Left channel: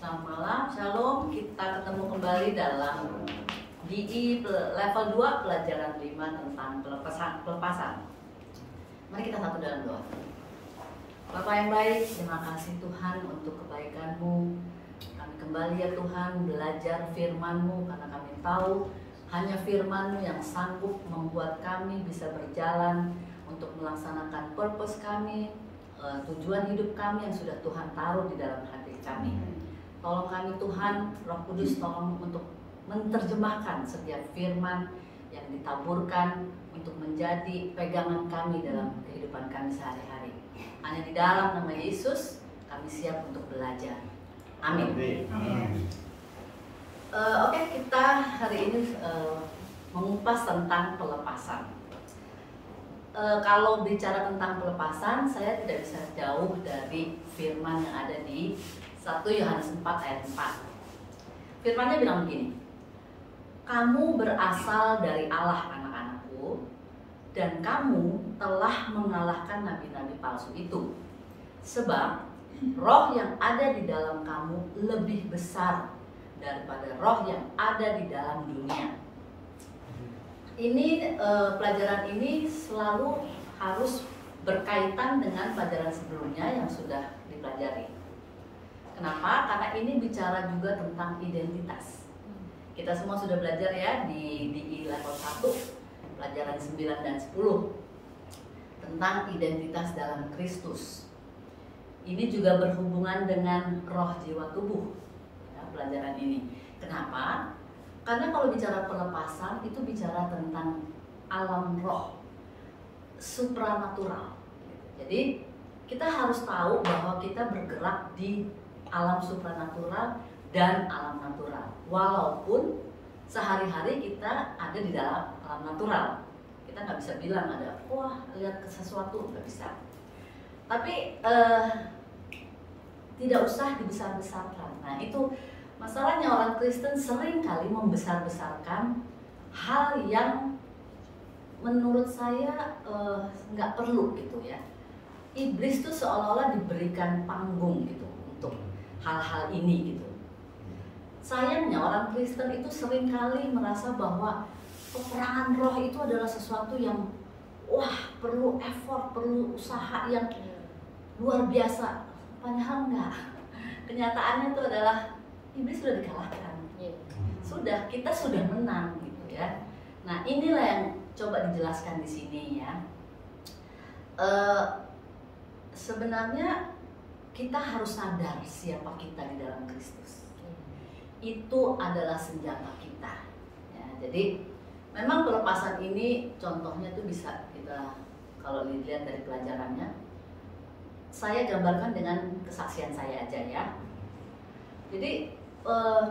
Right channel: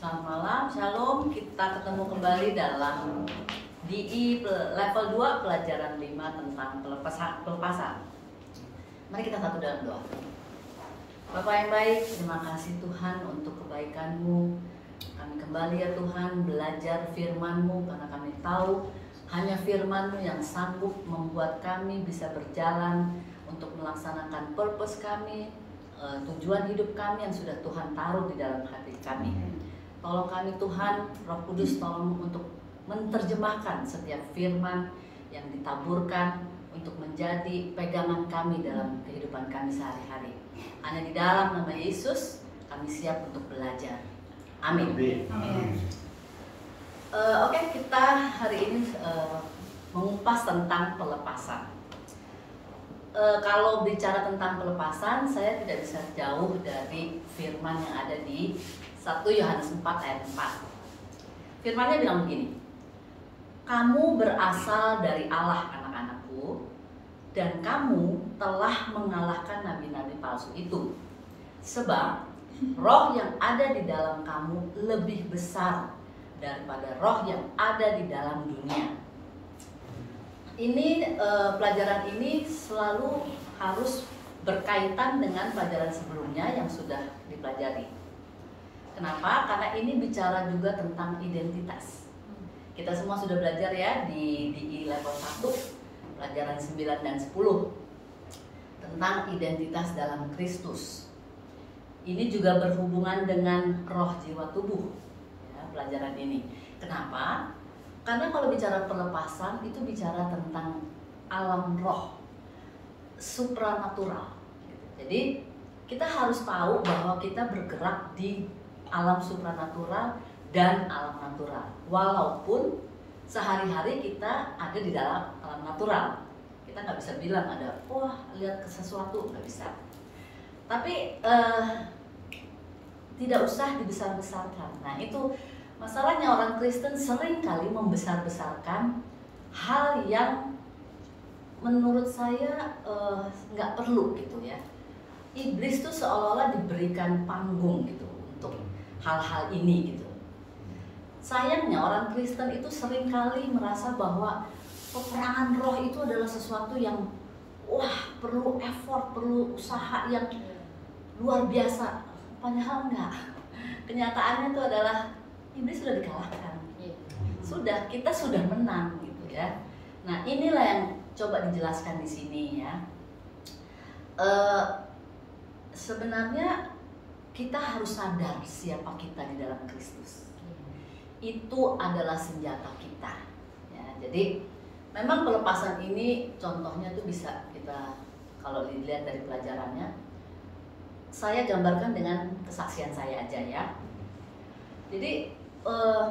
Selamat malam, Shalom. Kita ketemu kembali dalam DI level 2 pelajaran 5 tentang pelepasan. Mari kita satu dalam doa. Bapak yang baik, terima kasih Tuhan untuk kebaikan-Mu. Kami kembali ya Tuhan belajar firman-Mu karena kami tahu hanya firman-Mu yang sanggup membuat kami bisa berjalan untuk melaksanakan purpose kami, tujuan hidup kami yang sudah Tuhan taruh di dalam hati kami. Tolong kami Tuhan, Roh Kudus tolong untuk menerjemahkan setiap firman yang ditaburkan untuk menjadi pegangan kami dalam kehidupan kami sehari-hari. Hanya di dalam nama Yesus kami siap untuk belajar. Amin. Oke, kita hari ini mengupas tentang pelepasan. Kalau bicara tentang pelepasan, saya tidak bisa jauh dari firman yang ada di 1 Yohanes 4 ayat 4. Firmannya bilang begini, kamu berasal dari Allah anak-anakku, dan kamu telah mengalahkan nabi-nabi palsu itu. Sebab roh yang ada di dalam kamu lebih besar daripada roh yang ada di dalam dunia. Ini pelajaran ini selalu harus berkaitan dengan pelajaran sebelumnya yang sudah dipelajari. Kenapa? Karena ini bicara juga tentang identitas. Kita semua sudah belajar ya di level 1, pelajaran 9 dan 10 tentang identitas dalam Kristus. Ini juga berhubungan dengan roh, jiwa, tubuh ya, pelajaran ini. Kenapa? Karena kalau bicara pelepasan itu bicara tentang alam roh, supranatural. Jadi kita harus tahu bahwa kita bergerak di alam supranatural dan alam natural. Walaupun sehari-hari kita ada di dalam alam natural, kita nggak bisa bilang ada wah lihat sesuatu, nggak bisa. Tapi tidak usah dibesar-besarkan. Nah itu masalahnya, orang Kristen sering kali membesar-besarkan hal yang menurut saya nggak perlu gitu ya. Iblis tuh seolah-olah diberikan panggung gitu untuk hal-hal ini gitu. Sayangnya orang Kristen itu sering kali merasa bahwa peperangan roh itu adalah sesuatu yang wah perlu effort, perlu usaha yang luar biasa. Padahal enggak. Kenyataannya itu adalah iblis sudah dikalahkan. Sudah, kita sudah menang gitu ya. Nah, inilah yang coba dijelaskan di sini ya. Sebenarnya kita harus sadar siapa kita di dalam Kristus. Itu adalah senjata kita. Ya, jadi memang pelepasan ini contohnya tuh bisa kita kalau dilihat dari pelajarannya. Saya gambarkan dengan kesaksian saya aja ya. Jadi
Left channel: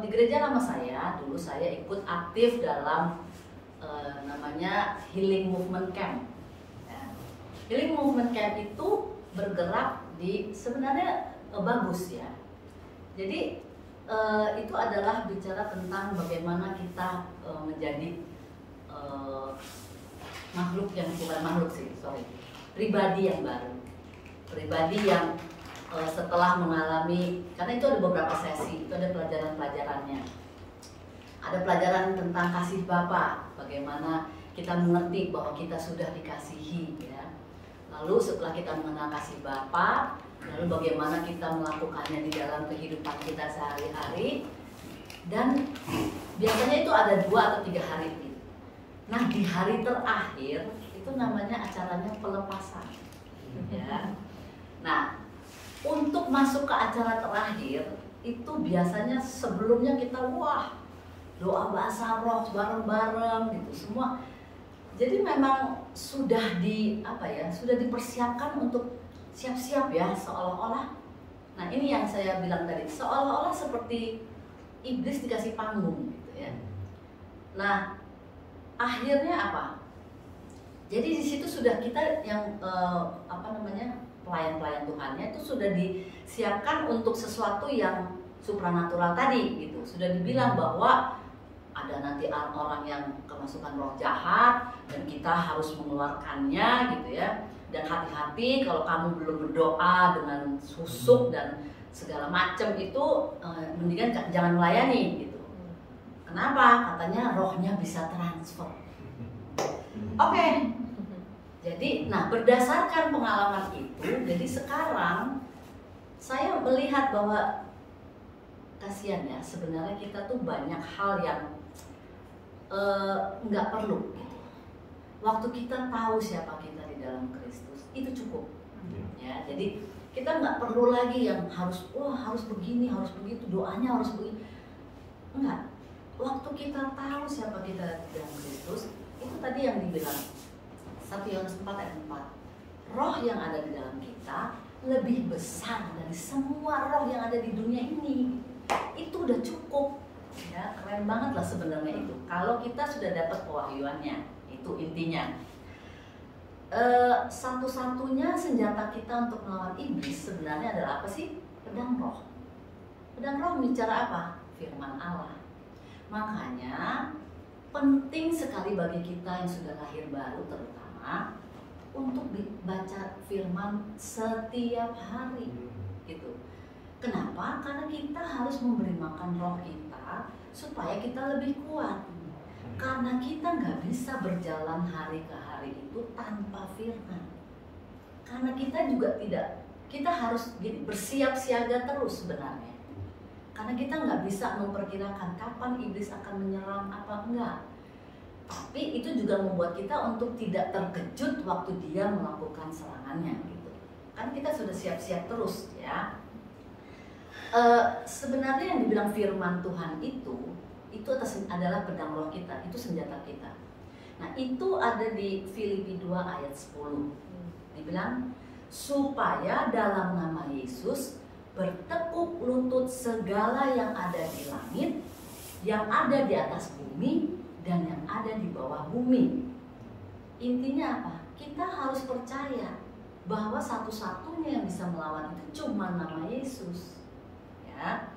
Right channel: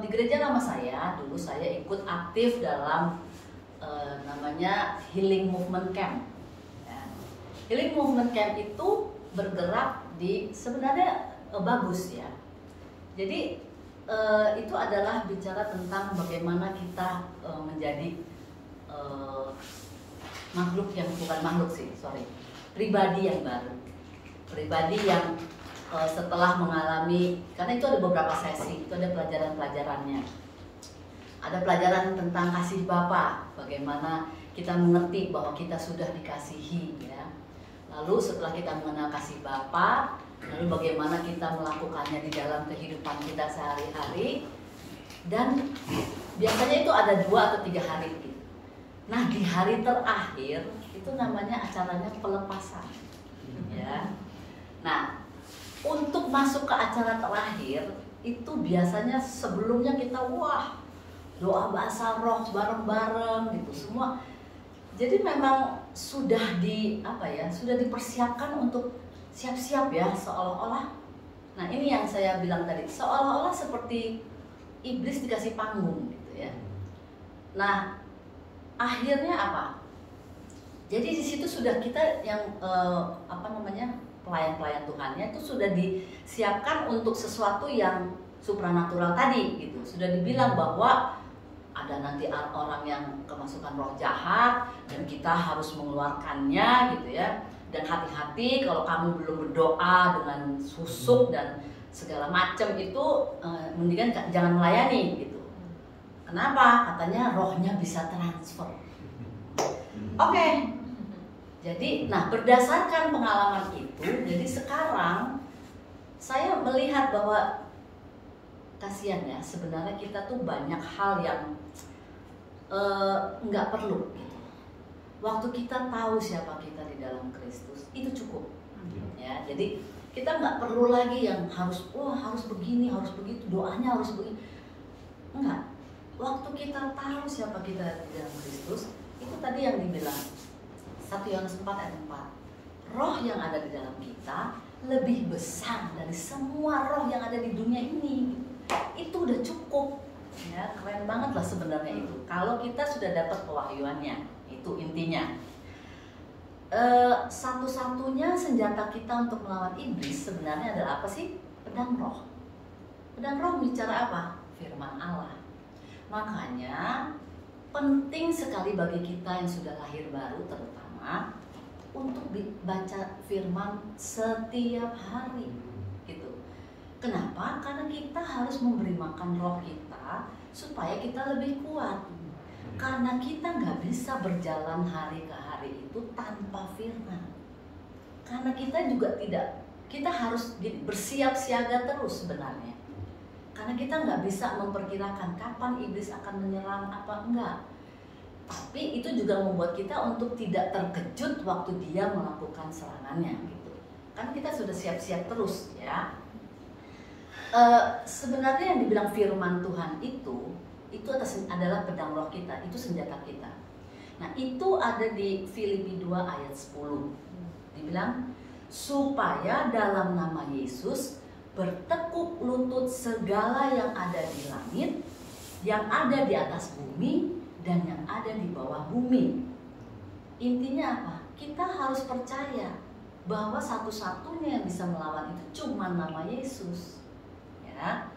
di gereja lama saya dulu saya ikut aktif dalam namanya Healing Movement Camp. Ya. Healing Movement Camp itu bergerak di sebenarnya bagus ya. Jadi itu adalah bicara tentang bagaimana kita menjadi makhluk yang bukan makhluk sih, pribadi yang baru, pribadi yang setelah mengalami, karena itu ada beberapa sesi, itu ada pelajaran-pelajarannya. Ada pelajaran tentang kasih Bapa, bagaimana kita mengerti bahwa kita sudah dikasihi ya. Lalu setelah kita mengenal kasih Bapa, lalu bagaimana kita melakukannya di dalam kehidupan kita sehari-hari. Dan biasanya itu ada 2 atau 3 hari gitu. Nah di hari terakhir itu namanya acaranya pelepasan ya. Nah untuk masuk ke acara terakhir itu biasanya sebelumnya kita wah doa bahasa roh bareng-bareng gitu semua. Jadi memang sudah sudah dipersiapkan untuk siap-siap ya, seolah-olah. Nah ini yang saya bilang tadi, seolah-olah seperti iblis dikasih panggung gitu ya. Nah akhirnya apa? Jadi di situ sudah kita yang pelayan-pelayan Tuhannya itu sudah disiapkan untuk sesuatu yang supranatural tadi gitu. Sudah dibilang bahwa ada nanti orang yang kemasukan roh jahat dan kita harus mengeluarkannya gitu ya. Dan hati-hati kalau kamu belum berdoa dengan susuk dan segala macam itu, mendingan jangan melayani gitu. Kenapa? Katanya rohnya bisa transfer. Oke. Jadi, nah berdasarkan pengalaman itu, jadi sekarang saya melihat bahwa kasihan ya, sebenarnya kita tuh banyak hal yang nggak perlu gitu. Waktu kita tahu siapa kita di dalam Kristus itu cukup, ya. Jadi kita nggak perlu lagi yang harus harus begini, harus begitu, doanya harus begini. Enggak. Waktu kita tahu siapa kita di dalam Kristus, itu tadi yang dibilang 1 Yohanes 4 ayat 4. Roh yang ada di dalam kita lebih besar dari semua roh yang ada di dunia ini. Itu udah cukup, ya. Keren banget lah sebenarnya itu. Kalau kita sudah dapat pewahyuannya. Itu intinya. Satu-satunya senjata kita untuk melawan iblis sebenarnya adalah apa sih? Pedang roh. Pedang roh bicara apa? Firman Allah. Makanya penting sekali bagi kita yang sudah lahir baru terutama untuk baca firman setiap hari gitu. Kenapa? Karena kita harus memberi makan roh kita supaya kita lebih kuat. Karena kita nggak bisa berjalan hari ke hari itu tanpa firman. Karena kita juga kita harus bersiap siaga terus sebenarnya. Karena kita nggak bisa memperkirakan kapan iblis akan menyerang apa enggak. Tapi itu juga membuat kita untuk tidak terkejut waktu dia melakukan serangannya gitu. Karena kita sudah siap-siap terus ya. Sebenarnya yang dibilang firman Tuhan itu adalah pedang roh kita, itu senjata kita. Nah itu ada di Filipi 2 ayat 10. Dibilang supaya dalam nama Yesus bertekuk lutut segala yang ada di langit, yang ada di atas bumi, dan yang ada di bawah bumi. Intinya apa? Kita harus percaya bahwa satu-satunya yang bisa melawan itu cuma nama Yesus. Ya.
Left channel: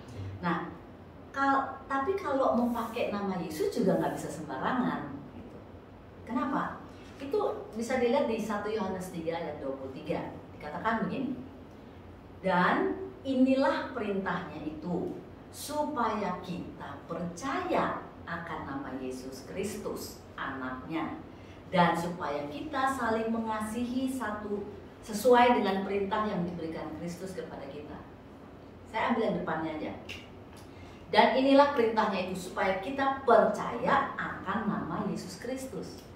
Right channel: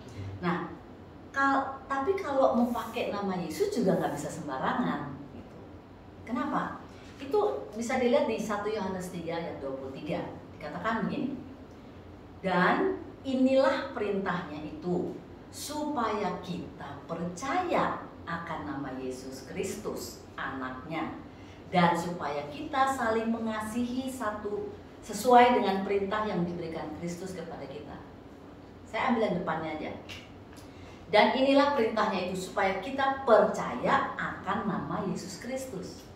Nah, tapi kalau mau pakai nama Yesus juga nggak bisa sembarangan gitu. Kenapa? Itu bisa dilihat di 1 Yohanes 3 ayat 23. Dikatakan begini. Dan inilah perintahnya itu, supaya kita percaya akan nama Yesus Kristus, anaknya, dan supaya kita saling mengasihi satu sesuai dengan perintah yang diberikan Kristus kepada kita. Saya ambil yang depannya aja. Dan inilah perintahnya itu, supaya kita percaya akan nama Yesus Kristus.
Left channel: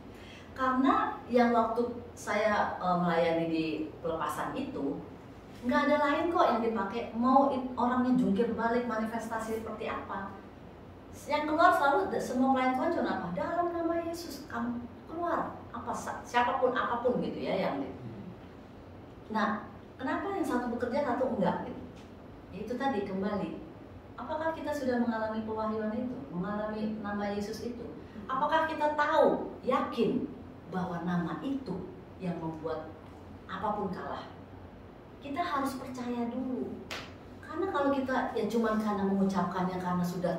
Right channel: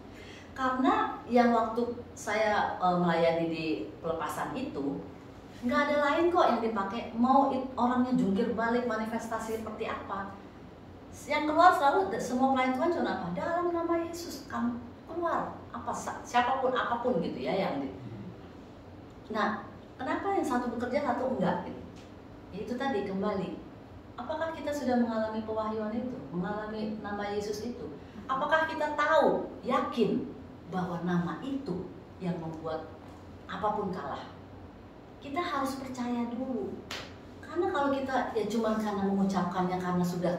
Karena yang waktu saya melayani di pelepasan itu, nggak ada lain kok yang dipakai. Mau orangnya jungkir balik, manifestasi seperti apa, yang keluar selalu semua pelayan Tuhan cuma apa? Dalam nama Yesus kamu keluar, apa siapapun apapun gitu ya yang. Nah, kenapa yang satu bekerja satu enggak gitu? Ya, itu tadi kembali. Apakah kita sudah mengalami pewahyuan itu, mengalami nama Yesus itu? Apakah kita tahu, yakin bahwa nama itu yang membuat apapun kalah? Kita harus percaya dulu. Karena kalau kita ya cuman karena mengucapkannya karena sudah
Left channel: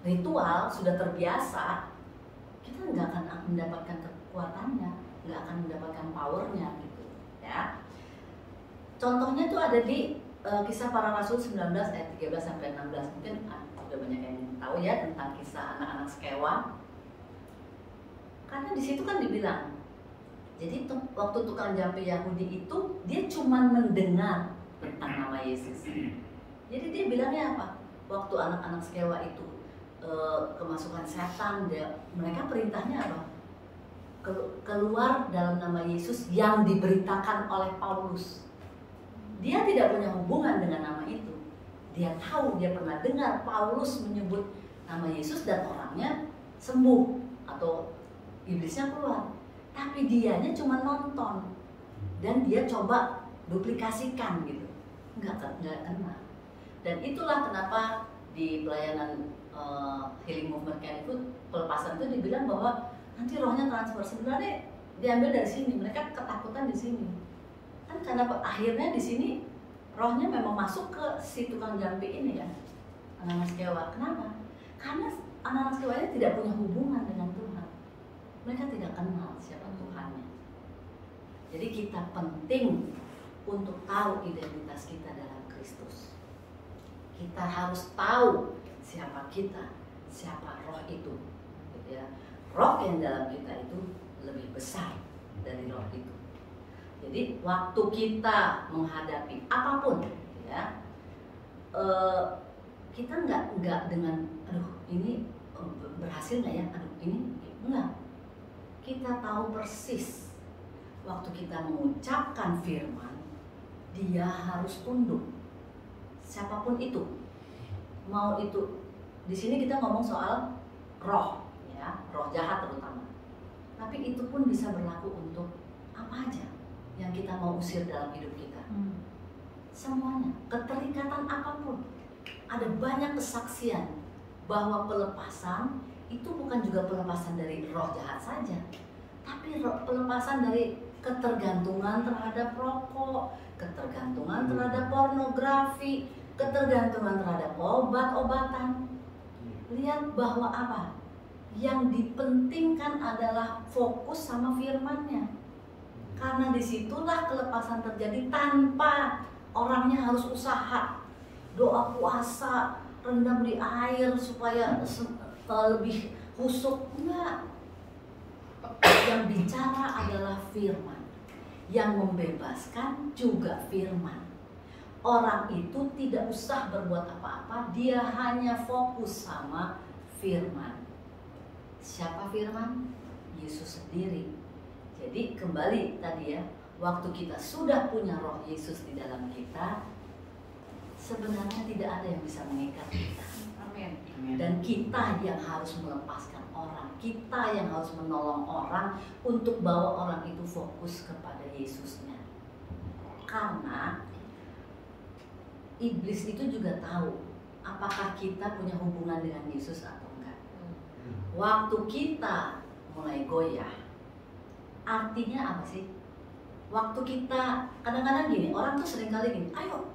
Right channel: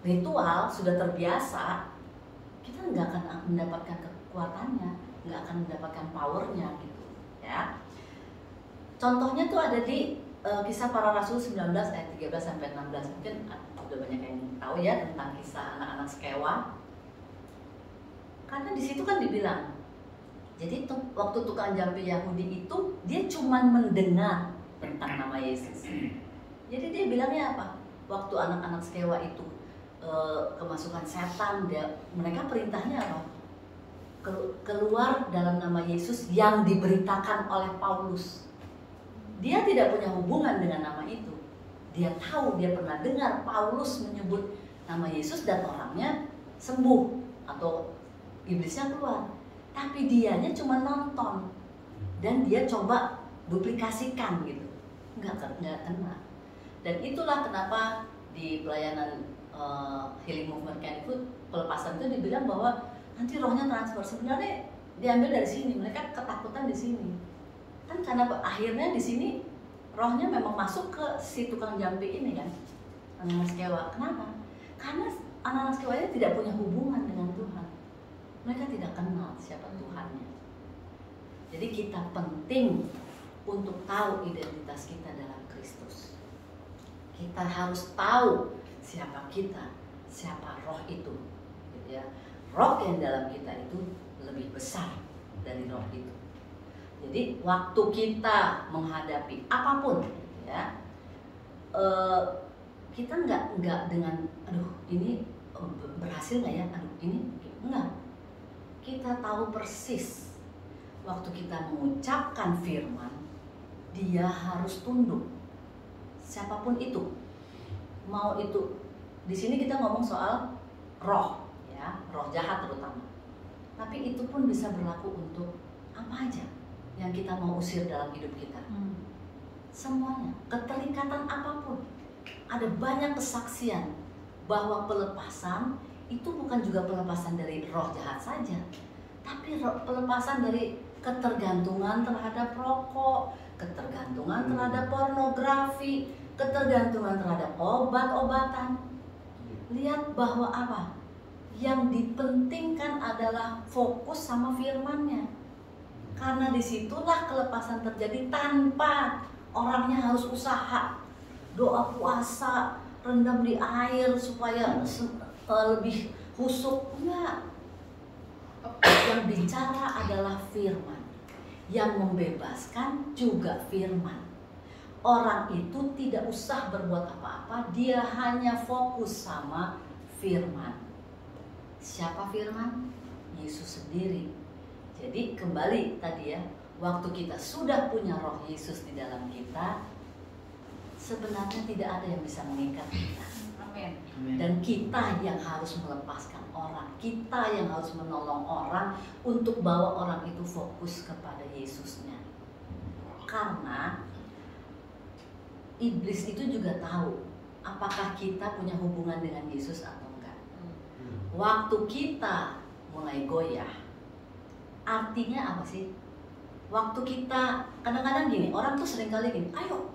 ritual, sudah terbiasa, kita nggak akan mendapatkan kekuatannya, nggak akan mendapatkan powernya gitu ya. Contohnya tuh ada di Kisah Para Rasul 19 ayat 13 sampai 16. Mungkin udah banyak yang tahu ya tentang kisah anak-anak Skewa. Karena di situ kan dibilang, jadi waktu tukang jampi Yahudi itu dia cuma mendengar tentang nama Yesus. Jadi dia bilangnya apa? Waktu anak-anak Skewa itu kemasukan setan, mereka perintahnya apa? Keluar dalam nama Yesus yang diberitakan oleh Paulus. Dia tidak punya hubungan dengan nama itu. Dia tahu, dia pernah dengar Paulus menyebut nama Yesus dan orangnya sembuh atau iblisnya keluar. Tapi dianya cuma nonton dan dia coba duplikasikan gitu. Nggak kena. Dan itulah kenapa di pelayanan Healing Movement Camp itu pelepasan itu dibilang bahwa nanti rohnya transfer. Sebenarnya diambil dari sini, mereka ketakutan di sini. Kan karena akhirnya di sini rohnya memang masuk ke si tukang jampi ini kan, anak-anak Skewa. Kenapa? Karena anak-anak Skewa ini tidak punya hubungan dengan Tuhan. Mereka tidak kenal siapa Tuhannya. Jadi kita penting untuk tahu identitas kita dalam Kristus. Kita harus tahu siapa kita, siapa roh itu, gitu ya. Roh yang dalam kita itu lebih besar dari roh itu. Jadi waktu kita menghadapi apapun, gitu ya, kita nggak dengan, aduh ini berhasil nggak ya, aduh ini enggak. Kita tahu persis waktu kita mengucapkan firman, dia harus tunduk. Siapapun itu, mau itu, di sini kita ngomong soal roh, ya, roh jahat terutama. Tapi itu pun bisa berlaku untuk apa aja yang kita mau usir dalam hidup kita. Semuanya, keterikatan apapun. Ada banyak kesaksian bahwa pelepasan itu bukan juga pelepasan dari roh jahat saja, tapi pelepasan dari ketergantungan terhadap rokok, ketergantungan terhadap pornografi, ketergantungan terhadap obat-obatan. Lihat bahwa apa? Yang dipentingkan adalah fokus sama firman-Nya. Karena disitulah kelepasan terjadi tanpa orangnya harus usaha, doa puasa, rendam di air supaya lebih husuk. Enggak. Yang bicara adalah firman. Yang membebaskan juga firman. Orang itu tidak usah berbuat apa-apa, dia hanya fokus sama firman. Siapa firman? Yesus sendiri. Jadi kembali tadi ya, waktu kita sudah punya roh Yesus di dalam kita, sebenarnya tidak ada yang bisa mengikat kita. Dan kita yang harus melepaskan orang, kita yang harus menolong orang untuk bawa orang itu fokus kepada Yesusnya. Karena iblis itu juga tahu apakah kita punya hubungan dengan Yesus atau enggak. Waktu kita mulai goyah, artinya apa sih? Waktu kita, kadang-kadang gini, orang tuh sering kali gini, ayo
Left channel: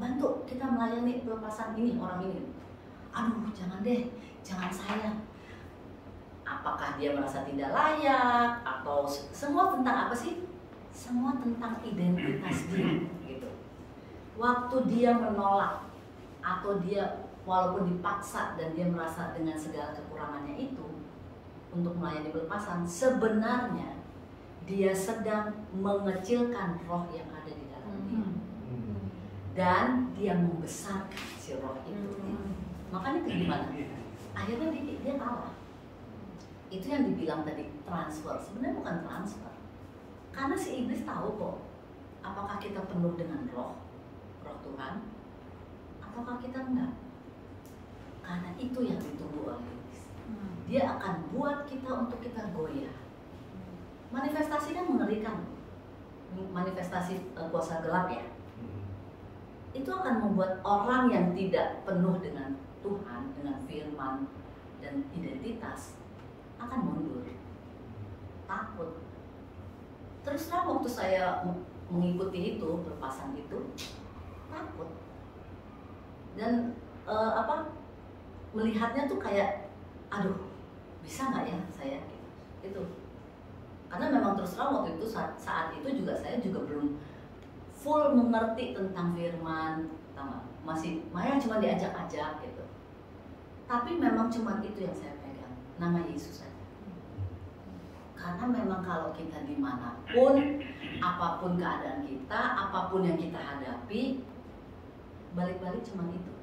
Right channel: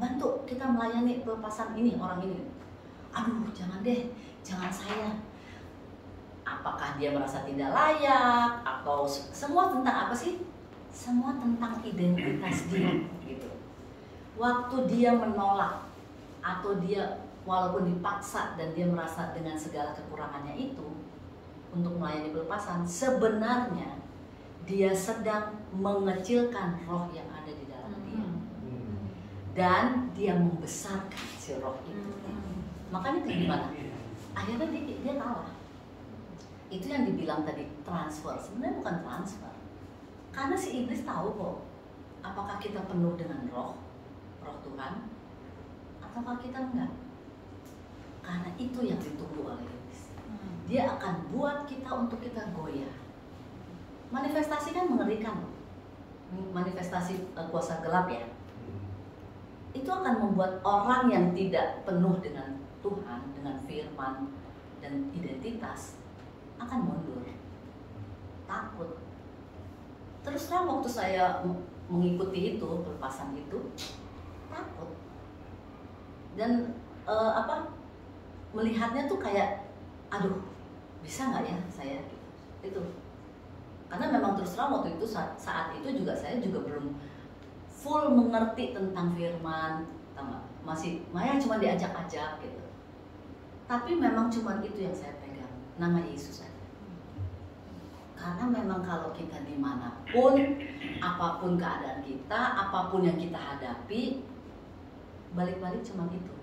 bantu kita melayani pelepasan ini, orang ini. Aduh jangan deh, jangan saya. Apakah dia merasa tidak layak, atau semua tentang apa sih? Semua tentang identitas dia gitu. Waktu dia menolak, atau dia walaupun dipaksa dan dia merasa dengan segala kekurangannya itu untuk melayani pelepasan, sebenarnya dia sedang mengecilkan roh yang ada di dalam dia. Dan dia membesarkan si roh itu. Makanya kayak gimana? Akhirnya dia kalah. Itu yang dibilang tadi transfer. Sebenarnya bukan transfer. Karena si iblis tahu kok, apakah kita penuh dengan roh Tuhan, ataukah kita enggak. Karena itu yang ditunggu oleh iblis. Dia akan buat kita untuk kita goyah. Manifestasi kan mengerikan loh. Manifestasi kuasa gelap ya. Itu akan membuat orang yang tidak penuh dengan Tuhan, dengan firman dan identitas akan mundur, takut. Terus terang waktu saya mengikuti itu, pelepasan itu, takut. Dan melihatnya tuh kayak, aduh, bisa nggak ya saya gitu. Itu. Karena memang terus terang waktu itu saat itu juga saya juga belum full mengerti tentang firman, masih cuma diajak-ajak gitu. Tapi memang cuma itu yang saya pegang, nama Yesus saja. Karena memang kalau kita dimanapun, apapun keadaan kita, apapun yang kita hadapi, balik-balik cuma itu.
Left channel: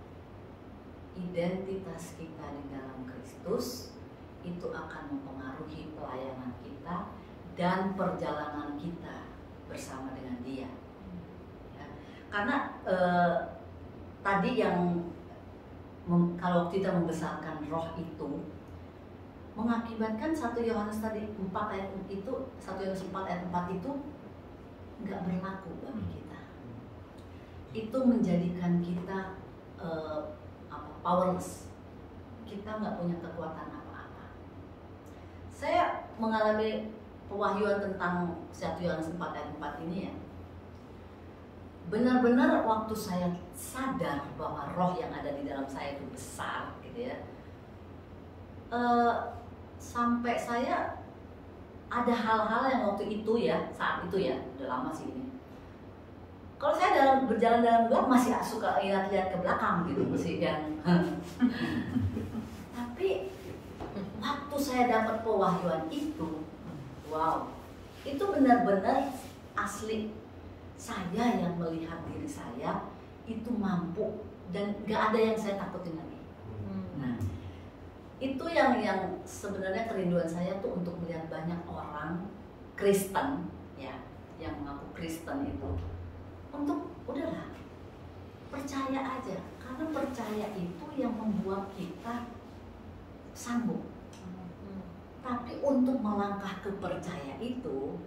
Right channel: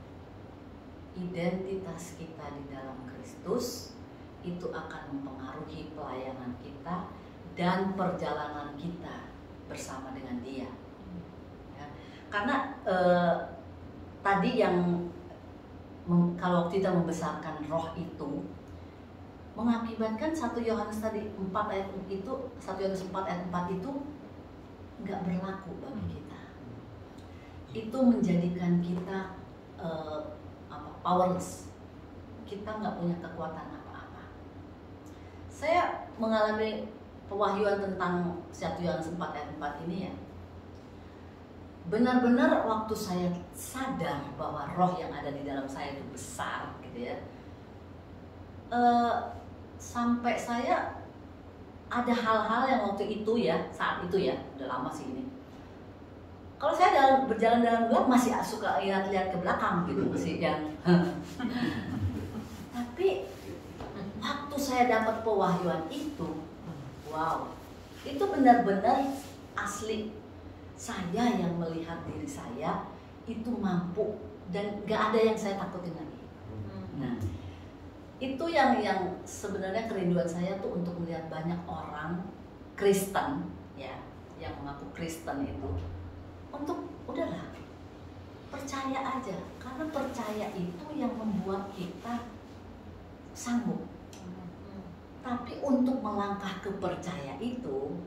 Identitas kita di dalam Kristus itu akan mempengaruhi pelayanan kita dan perjalanan kita bersama dengan Dia. Ya. Karena tadi yang kalau kita membesarkan roh itu mengakibatkan 1 Yohanes tadi 4 ayat itu, 1 Yohanes 4 ayat 4 itu nggak berlaku bagi kita. Itu menjadikan kita powerless. Kita nggak punya kekuatan apa-apa. Saya mengalami pewahyuan tentang 1 Yohanes 4 ayat 4 ini ya. Benar-benar waktu saya sadar bahwa roh yang ada di dalam saya itu besar gitu ya, sampai saya ada hal-hal yang waktu itu ya, saat itu ya, udah lama sih ini. Kalau saya berjalan dalam gelap masih suka lihat-lihat ke belakang gitu, masih yang. Tapi waktu saya dapat pewahyuan itu, wow, itu benar-benar asli. Saya yang melihat diri saya itu mampu dan gak ada yang saya takutin lagi. Nah, itu yang sebenarnya kerinduan saya tuh untuk melihat banyak orang Kristen ya, yang mengaku Kristen itu untuk udahlah percaya aja, karena percaya itu yang membuat kita sanggup. Tapi untuk melangkah ke percaya itu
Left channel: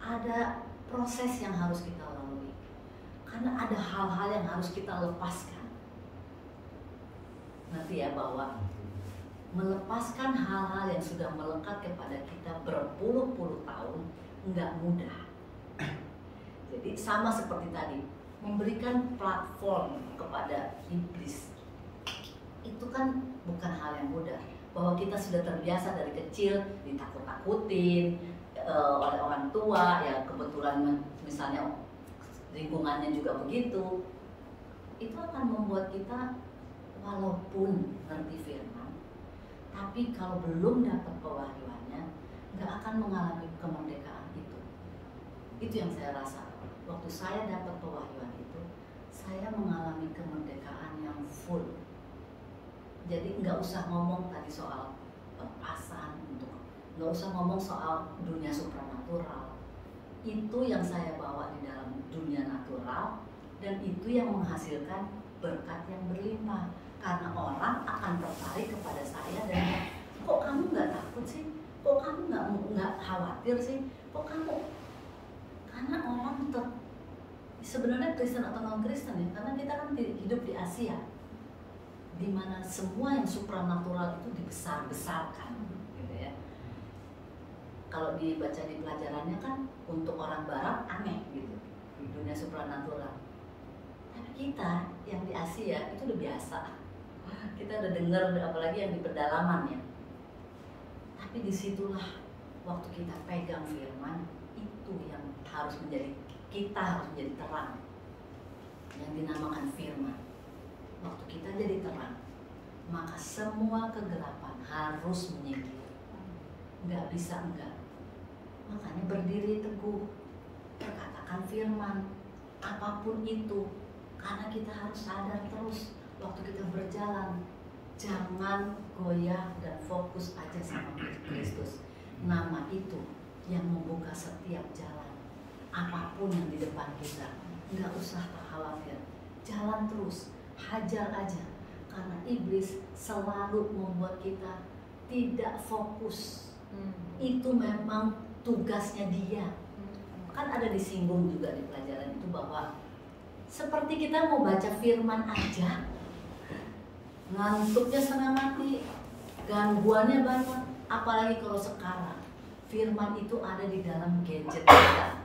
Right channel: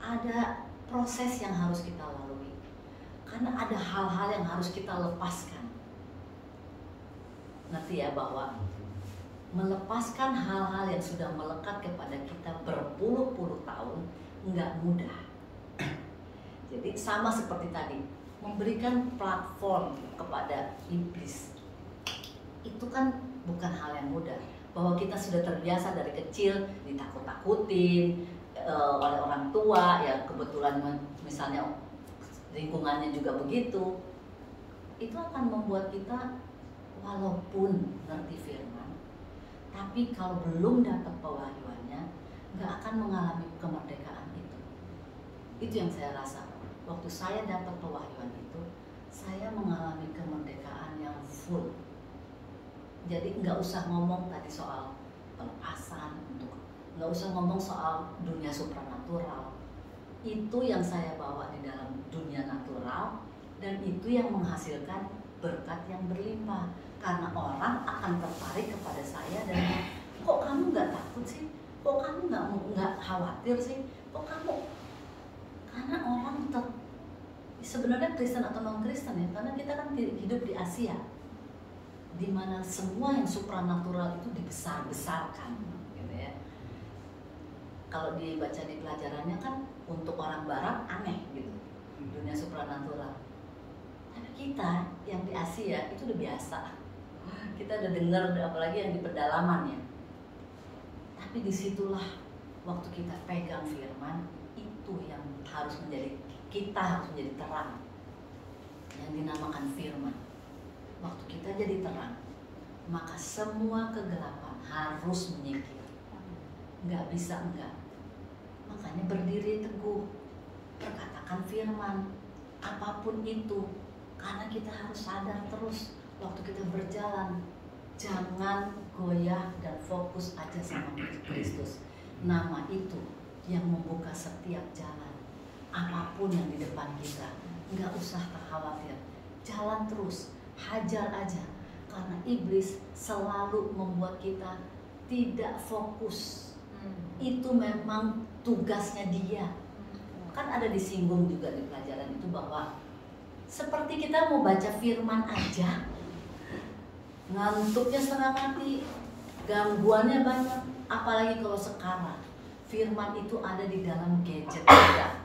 ada proses yang harus kita lalui, karena ada hal-hal yang harus kita lepaskan. Ngerti ya, bahwa melepaskan hal-hal yang sudah melekat kepada kita berpuluh-puluh tahun nggak mudah. Jadi sama seperti tadi, memberikan platform kepada iblis itu kan bukan hal yang mudah. Bahwa kita sudah terbiasa dari kecil ditakut-takutin oleh orang tua, ya kebetulan misalnya lingkungannya juga begitu, itu akan membuat kita walaupun ngerti firman, tapi kalau belum dapat pewahyuannya nggak akan mengalami kemerdekaan itu. Itu yang saya rasa. Waktu saya dapat pewahyuan itu, saya mengalami kemerdekaan yang full. Jadi nggak usah ngomong tadi soal pelepasan, nggak usah ngomong soal dunia supranatural. Itu yang saya bawa di dalam dunia natural, dan itu yang menghasilkan berkat yang berlimpah. Karena orang akan tertarik kepada saya dan kok kamu nggak takut sih? Kok kamu nggak khawatir sih? Kok kamu? Karena orang sebenarnya Kristen atau non Kristen ya, karena kita kan hidup di Asia, di mana semua yang supranatural itu dibesar-besarkan, gitu ya. Kalau dibaca di pelajarannya kan untuk orang Barat aneh gitu, dunia supranatural. Tapi kita yang di Asia itu udah biasa. Kita udah dengar, apalagi yang di pedalaman ya. Tapi disitulah waktu kita pegang firman, itu yang harus kita harus menjadi terang, yang dinamakan firman. Waktu kita jadi terang, maka semua kegelapan harus menyingkir. Nggak bisa enggak. Makanya berdiri teguh, perkatakan firman, apapun itu. Karena kita harus sadar terus waktu kita berjalan, jangan goyah dan fokus aja sama Kristus. Nama itu yang membuka setiap jalan, apapun yang di depan kita. Nggak usah khawatir, jalan terus, hajar aja. Karena iblis selalu membuat kita tidak fokus. Itu memang tugasnya dia. Kan ada disinggung juga di pelajaran itu bahwa seperti kita mau baca firman aja, ngantuknya setengah mati, gangguannya banyak. Apalagi kalau sekarang firman itu ada di dalam gadget kita.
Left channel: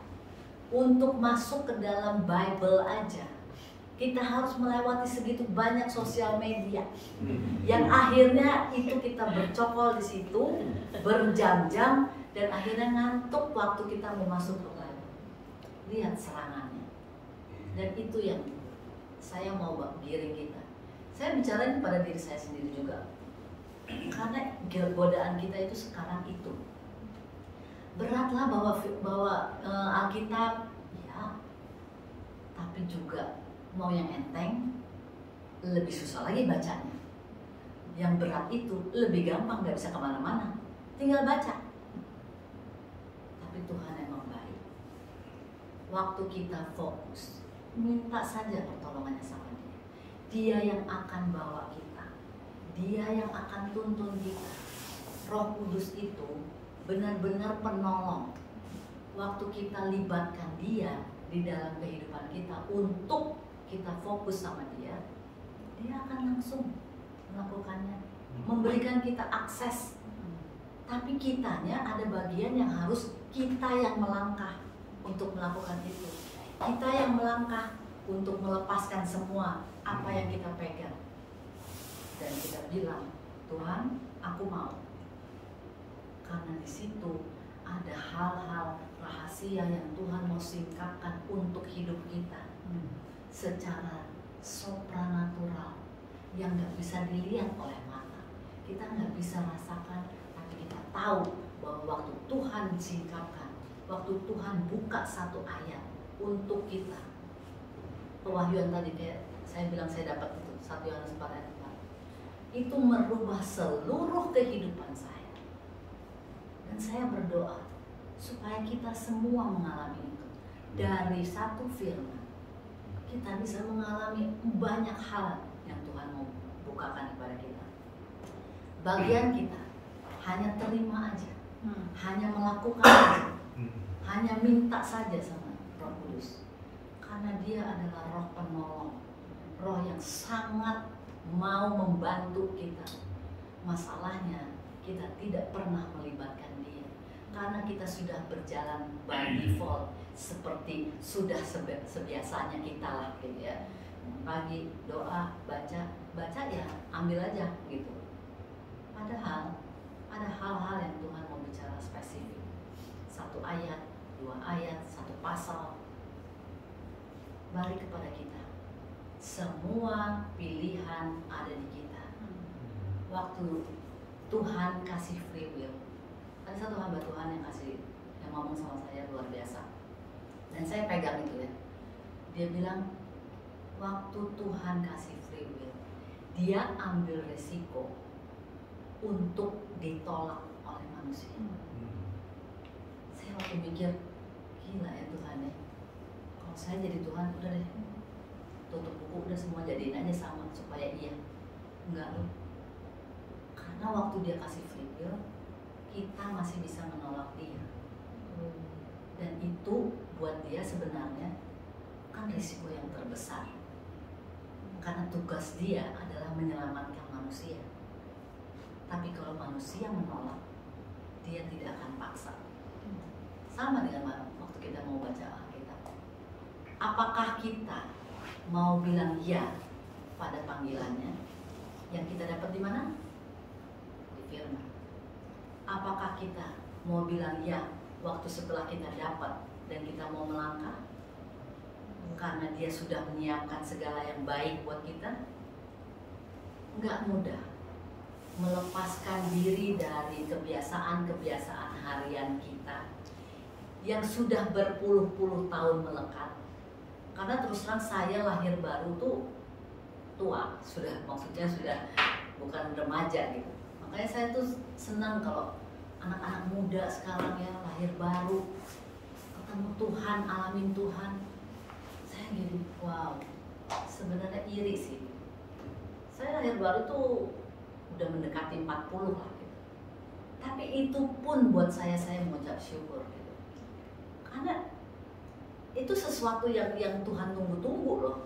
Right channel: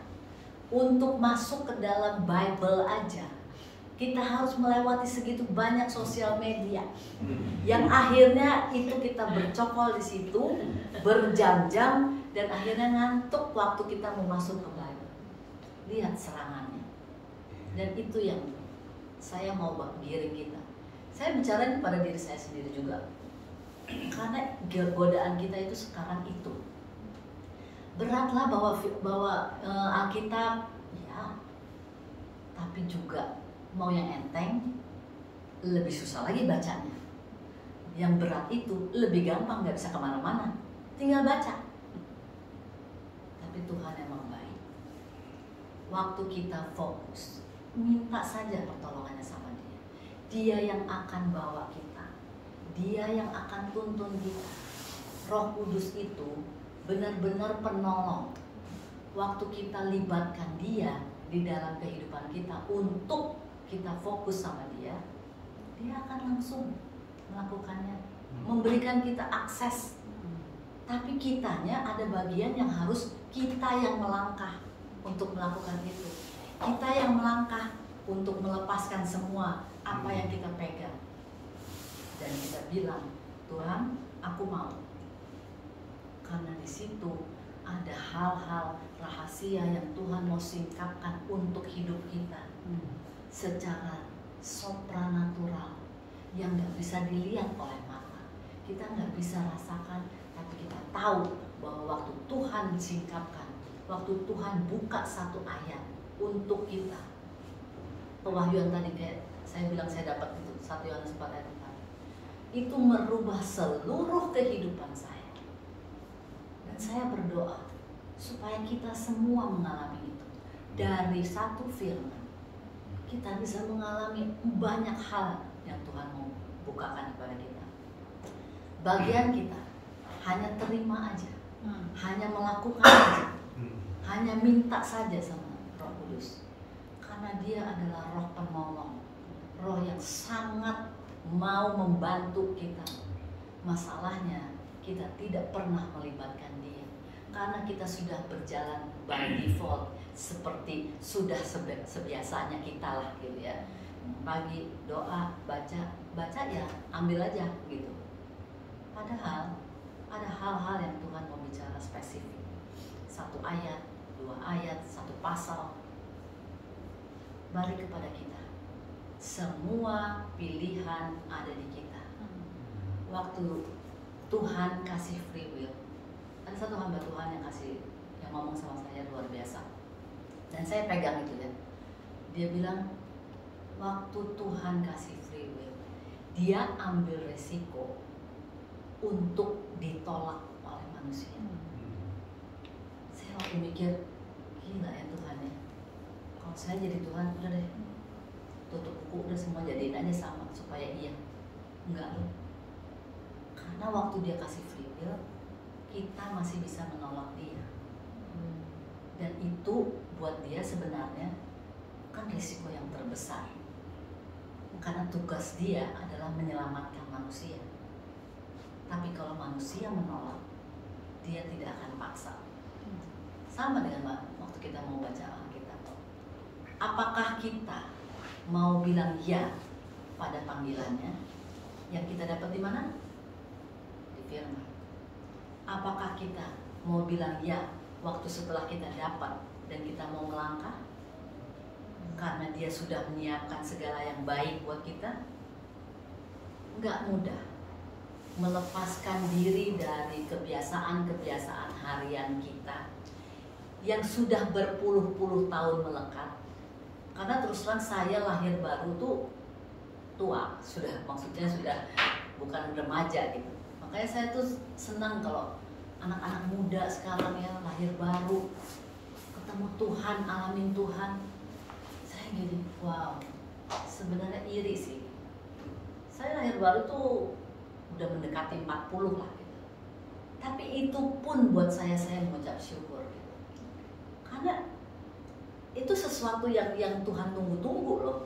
Untuk masuk ke dalam Bible aja kita harus melewati segitu banyak sosial media, yang akhirnya itu kita bercokol di situ berjam-jam, dan akhirnya ngantuk waktu kita mau masuk ke Bible. Lihat serangannya. Dan itu yang saya mau giring kita. Saya bicara pada diri saya sendiri juga, karena godaan kita itu sekarang itu beratlah bawa Alkitab ya, tapi juga mau yang enteng lebih susah lagi bacanya. Yang berat itu lebih gampang, nggak bisa kemana-mana, tinggal baca. Tapi Tuhan emang baik. Waktu kita fokus, minta saja pertolongannya sama Dia. Dia yang akan bawa kita, Dia yang akan tuntun kita. Roh Kudus itu benar-benar penolong. Waktu kita libatkan Dia di dalam kehidupan kita untuk kita fokus sama Dia, Dia akan langsung melakukannya, memberikan kita akses. Tapi kitanya ada bagian yang harus kita yang melangkah untuk melakukan itu. Kita yang melangkah untuk melepaskan semua apa yang kita pegang. Dan kita bilang, Tuhan, aku mau. Karena di situ ada hal-hal rahasia yang Tuhan mau singkapkan untuk hidup kita secara supranatural yang nggak bisa dilihat oleh mata, kita nggak bisa rasakan, tapi kita tahu bahwa waktu Tuhan singkapkan, waktu Tuhan buka satu ayat untuk kita, pewahyuan tadi kayak saya bilang saya dapat itu 1 Yohanes 4 ayat 4, itu merubah seluruh kehidupan saya. Dan saya berdoa supaya kita semua mengalami itu. Dari satu firman kita bisa mengalami banyak hal yang Tuhan mau bukakan kepada kita. Bagian kita hanya terima aja, hanya melakukan aja, hanya minta saja sama Roh Kudus. Karena dia adalah roh penolong, roh yang sangat mau membantu kita. Masalahnya kita tidak pernah melibatkan dia, karena kita sudah berjalan by default, seperti sudah sebiasanya kita lah gitu ya. Pagi doa, baca ya ambil aja gitu. Padahal ada hal-hal yang Tuhan mau bicara spesifik. 1 ayat, 2 ayat, 1 pasal. Balik kepada kita. Semua pilihan ada di kita. Waktu Tuhan kasih free will, ada satu hamba Tuhan yang ngomong sama saya luar biasa, dan saya pegang itu ya. Dia bilang waktu Tuhan kasih free will, dia ambil resiko untuk ditolak oleh manusia. Saya waktu mikir, gila ya Tuhan ya, kalau saya jadi Tuhan udah deh, tutup buku, udah semua jadiin aja sama supaya iya. Enggak loh, karena waktu dia kasih free will, kita masih bisa menolak dia. Dan itu buat dia sebenarnya kan risiko yang terbesar, karena tugas dia adalah menyelamatkan manusia. Tapi kalau manusia menolak, dia tidak akan paksa. Sama dengan waktu kita mau baca Alkitab. Apakah kita mau bilang ya pada panggilannya yang kita dapat di mana? Di firman. Apakah kita mau bilang ya waktu setelah kita dapat dan kita mau melangkah? Karena dia sudah menyiapkan segala yang baik buat kita. Enggak mudah melepaskan diri dari kebiasaan-kebiasaan harian kita yang sudah berpuluh-puluh tahun melekat. Karena terus terang saya lahir baru tuh tua, maksudnya sudah bukan remaja gitu. Makanya saya tuh senang kalau anak-anak muda sekarang ya lahir baru, ketemu Tuhan, alamin Tuhan. Saya gini, wow, sebenarnya iri sih. Saya lahir baru tuh udah mendekati 40 lah gitu. Tapi itu pun buat saya mengucap syukur gitu. Karena itu sesuatu yang Tuhan tunggu-tunggu loh.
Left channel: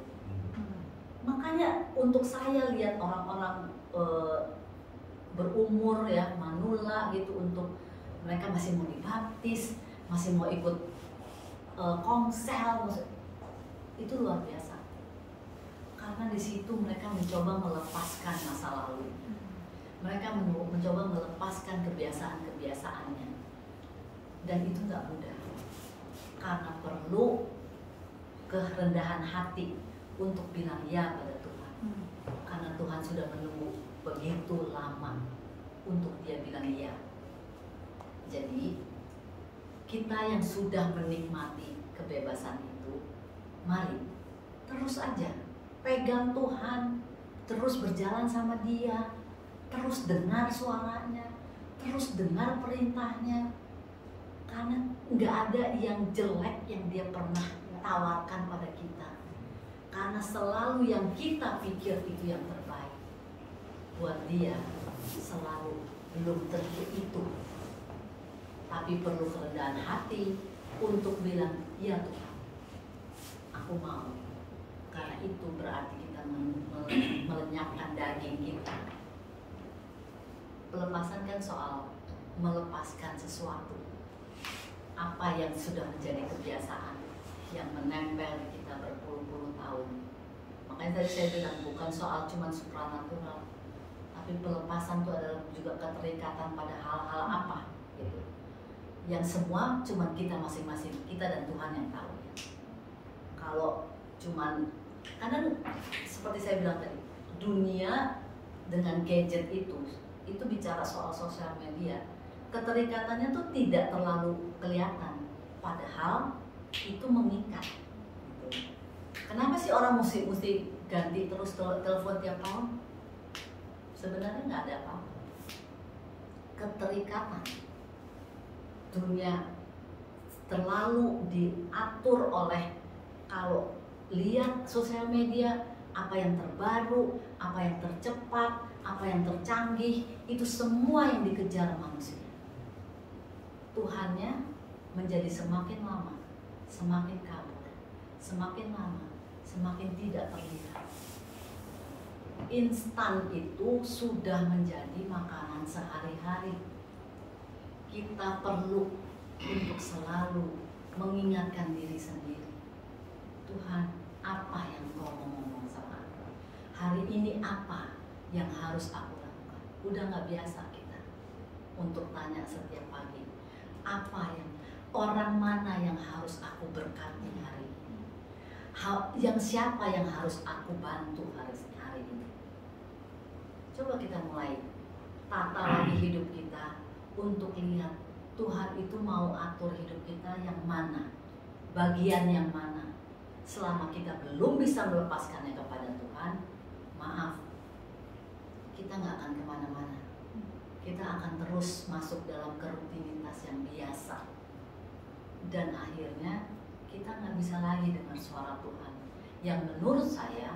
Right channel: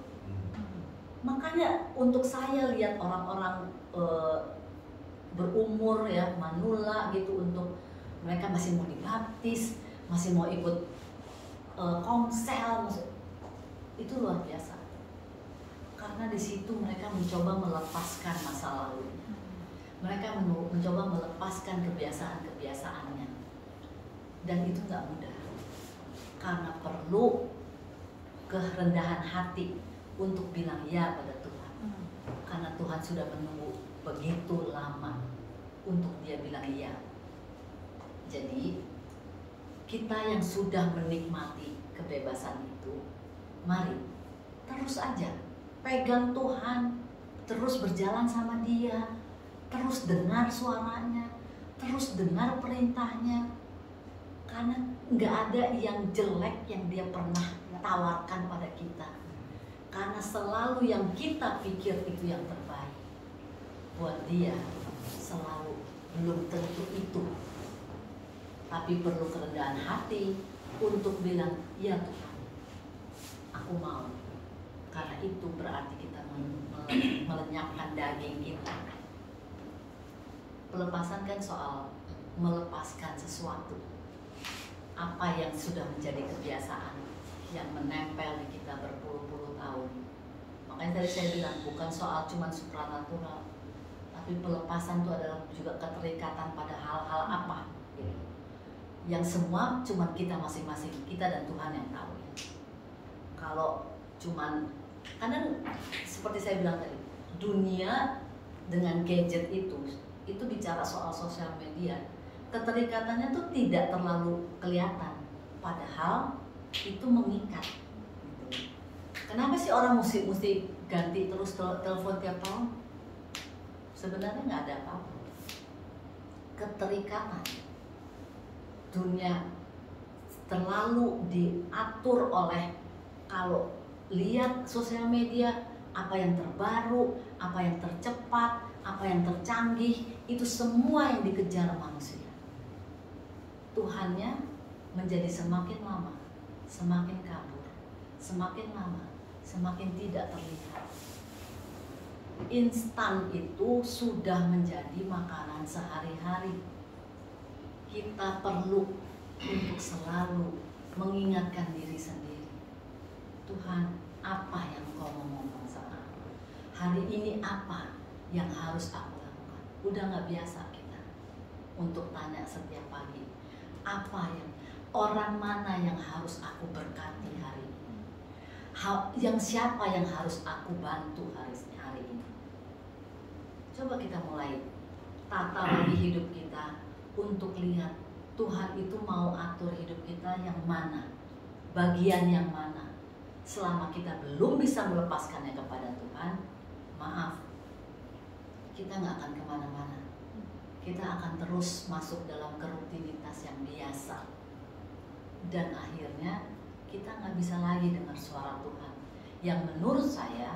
Makanya untuk saya lihat orang-orang berumur ya, manula gitu, untuk mereka masih mau dibaptis, masih mau ikut komsel, itu luar biasa. Karena di situ mereka mencoba melepaskan masa lalu. Mereka mencoba melepaskan kebiasaan-kebiasaannya. Dan itu nggak mudah. Karena perlu kerendahan hati untuk bilang ya pada Tuhan. Karena Tuhan sudah menunggu begitu lama untuk dia bilang iya. Jadi kita yang sudah menikmati kebebasan itu, mari terus aja pegang Tuhan, terus berjalan sama dia, terus dengar suaranya, terus dengar perintahnya. Karena nggak ada yang jelek yang dia pernah tawarkan pada kita. Karena selalu yang kita pikir itu yang terbaik, buat dia selalu belum tentu itu. Tapi perlu kerendahan hati untuk bilang, ya Tuhan, aku mau. Karena itu berarti kita melenyapkan daging kita. Pelepasan kan soal melepaskan sesuatu, apa yang sudah menjadi kebiasaan yang menempel di kita berpuluh-puluh tahun. Makanya tadi saya bilang bukan soal cuman supranatural, tapi pelepasan itu adalah juga keterikatan pada hal-hal apa gitu, yang semua cuman kita masing-masing, kita dan Tuhan yang tahu. Kalau cuman kadang seperti saya bilang tadi, dunia dengan gadget itu bicara soal sosial media, keterikatannya tuh tidak terlalu kelihatan, padahal itu mengikat gitu. Kenapa sih orang mesti ganti terus telepon tiap tahun? Sebenarnya nggak ada apa-apa. Keterikatan dunia terlalu diatur oleh, kalau lihat sosial media, apa yang terbaru, apa yang tercepat, apa yang tercanggih, itu semua yang dikejar manusia. Tuhannya menjadi semakin lama semakin kabur, semakin lama semakin tidak terlihat. Instan itu sudah menjadi makanan sehari-hari. Kita perlu untuk selalu mengingatkan diri sendiri, Tuhan, apa yang Kau mau ngomong sama aku? Hari ini apa yang harus aku lakukan? Udah gak biasa kita untuk tanya setiap pagi, apa yang, orang mana yang harus aku berkati hari ini? Yang siapa yang harus aku bantu hari ini? Coba kita mulai tata lagi hidup kita untuk lihat Tuhan itu mau atur hidup kita yang mana, bagian yang mana. Selama kita belum bisa melepaskannya kepada Tuhan, maaf, kita nggak akan kemana-mana. Kita akan terus masuk dalam kerutinitas yang biasa, dan akhirnya kita nggak bisa lagi dengar suara Tuhan yang menurut saya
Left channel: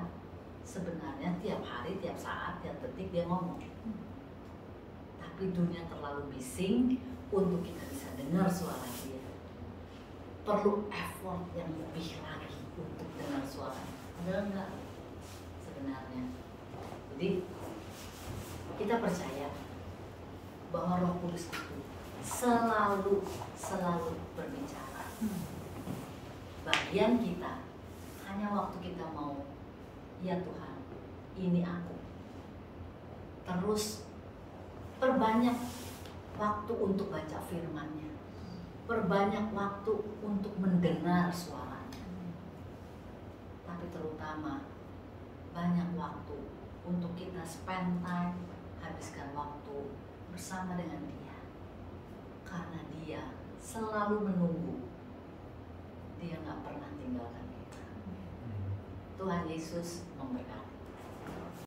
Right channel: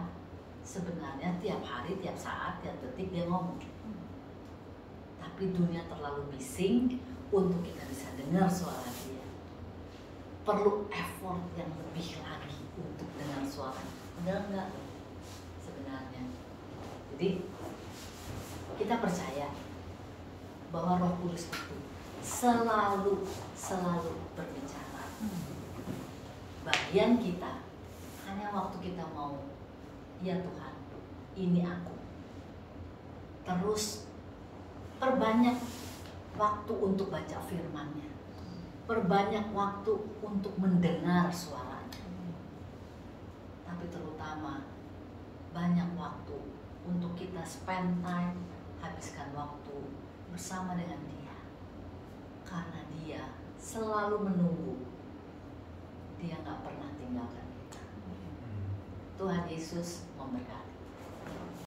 sebenarnya tiap hari, tiap saat, tiap detik dia ngomong. Tapi dunia terlalu bising untuk kita bisa dengar suara dia. Perlu effort yang lebih lagi untuk dengar suaranya. Padahal enggak sebenarnya. Jadi kita percaya bahwa Roh Kudus itu selalu berbicara. Bagian kita hanya waktu kita mau, ya Tuhan, ini aku. Terus perbanyak waktu untuk baca firman-Nya. Perbanyak waktu untuk mendengar suaranya. Tapi terutama banyak waktu untuk kita spend time, habiskan waktu bersama dengan Dia. Karena Dia selalu menunggu. Dia gak pernah tinggalkan kita. Tuhan Yesus memberkati.